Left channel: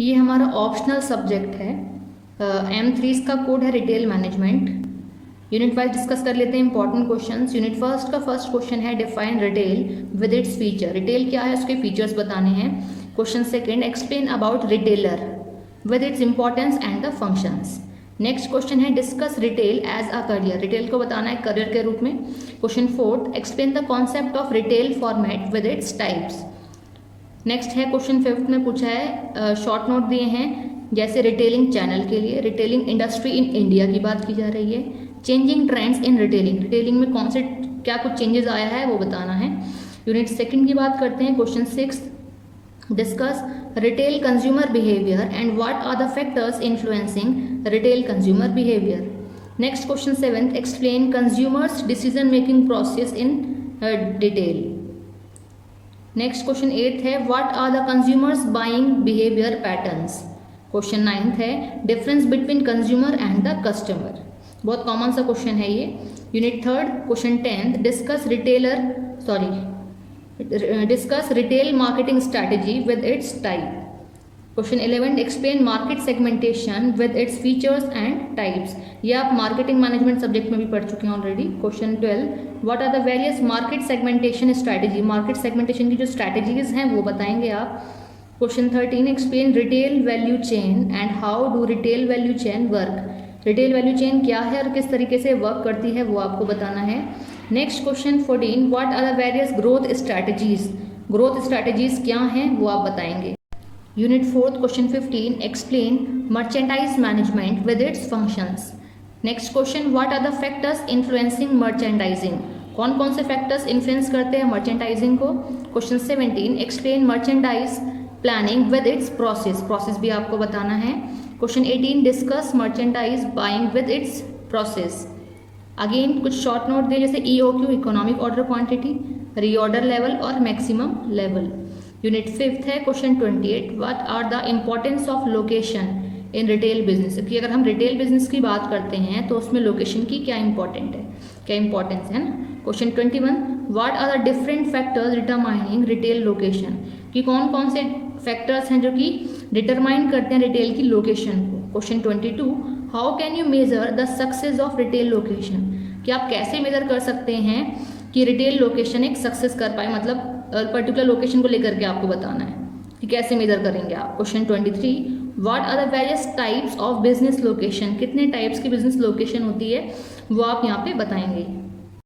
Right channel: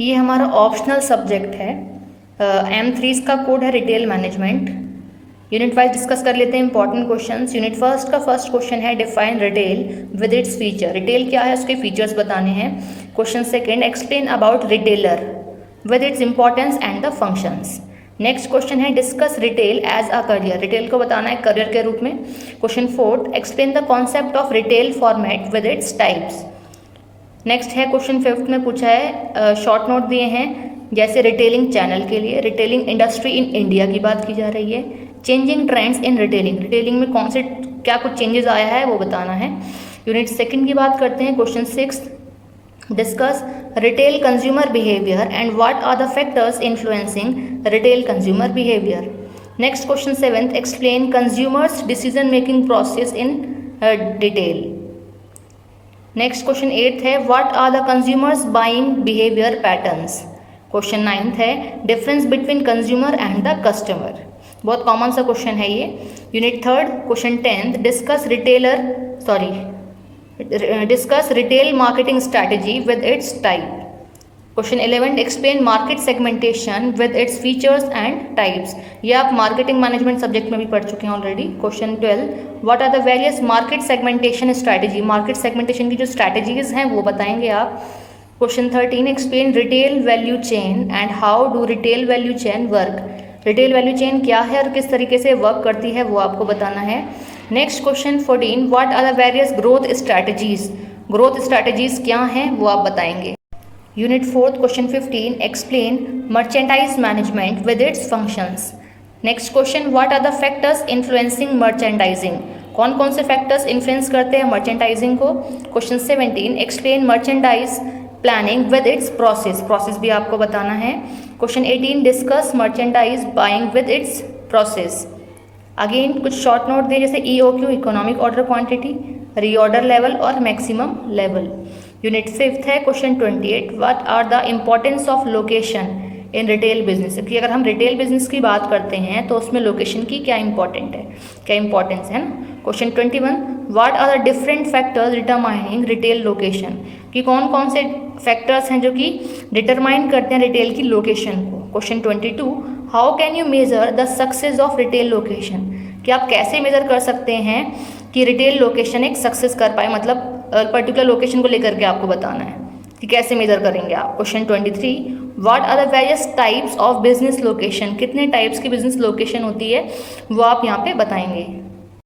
ये हमारा optional subject है। M3 का कोड है retail management. Unit wise discuss कर लेते हैं इंपॉर्टेंट क्वेश्चंस। यूनिट फर्स्ट का फर्स्ट क्वेश्चन है define retail with its feature. Retail क्या है, उसके फीचर्स बताने हैं। Question second explain about retailer with its importance and the functions. Next question है discuss retail as a career. Retail को बताना है करियर के रूप में। Question fourth explain the concept of retail format with its types. Next है question fifth में पूछा है शॉर्ट नोट दिए हैं, जैसे रिटेलिंग चैनल के लिए, रिटेलिंग इंडस्ट्री इन इंडिया की बात की जा रही है, changing trends in retailing, retailing में कौन से क्या कुछ चेंजेस आया है वो बताना है। यूनिट सेकंड की बात करते हैं। Question six discuss retail consumer behaviour and what are the factors influencing retail consumer behaviour. Next question seventh explain consumers decision making process in detail. Next question eighth है what are the consumers buying behaviour patterns. Question ninth है difference between consumer and the customer. बहुत common सा question है ये। Unit third question tenth discuss retail marketing strategy with its type. Question 11 explain market segmentation with its features and types. ये आप marketing management subject में भी पढ़ चुके हैं already. Question 12 what are the various market segmentation strategy. Market segmentation की जो strategies हैं वो बताएंगे आप। Question 13 explain retail value chain and how do retail value chain work. Retail value chain क्या है और किस तरीके से वर्क करती है वो आपको बताना है। Next question 14 what are the various growth strategies. Growth strategies क्या हैं वो आप बताएंगे। Unit fourth question 15 explain merchandise management with its functions. Next question what are the factors influencing merchandising. कौन कौन से फैक्टर्स इन्फ्लुएंस करते हैं मर्चेंडाइजिंग को। Question 17 explain merchandise planning with its process. Process भी आपको बताना है। Question 18 discuss merchandise buying with its process. Again कुछ शॉर्ट नोट दिए जैसे EOQ economic order quantity, reorder level और मैक्सिमम लेवल। यूनिट फिफ्थ है question 28 what are the importance of location in retail business. कि अगर हम रिटेल बिजनेस की बात करते हैं तो उसमें लोकेशन की क्या इंपॉर्टेंस है ना। Question 21 what are the different factors determining retail location. कि कौन कौन से फैक्टर्स हैं जो कि डिटरमाइन करते हैं रिटेल की लोकेशन को। Question 22 how can you measure the success of retail location. कि आप कैसे मेजर कर सकते हैं कि रिटेल लोकेशन एक सक्सेस कर पाए, मतलब पर्टिकुलर लोकेशन को लेकर के आपको बताना है कि कैसे मेजर करेंगे आप। Question 23 what are the various types of business location. कितने टाइप्स की बिजनेस लोकेशन होती है वो आप यहाँ पे बताएंगे।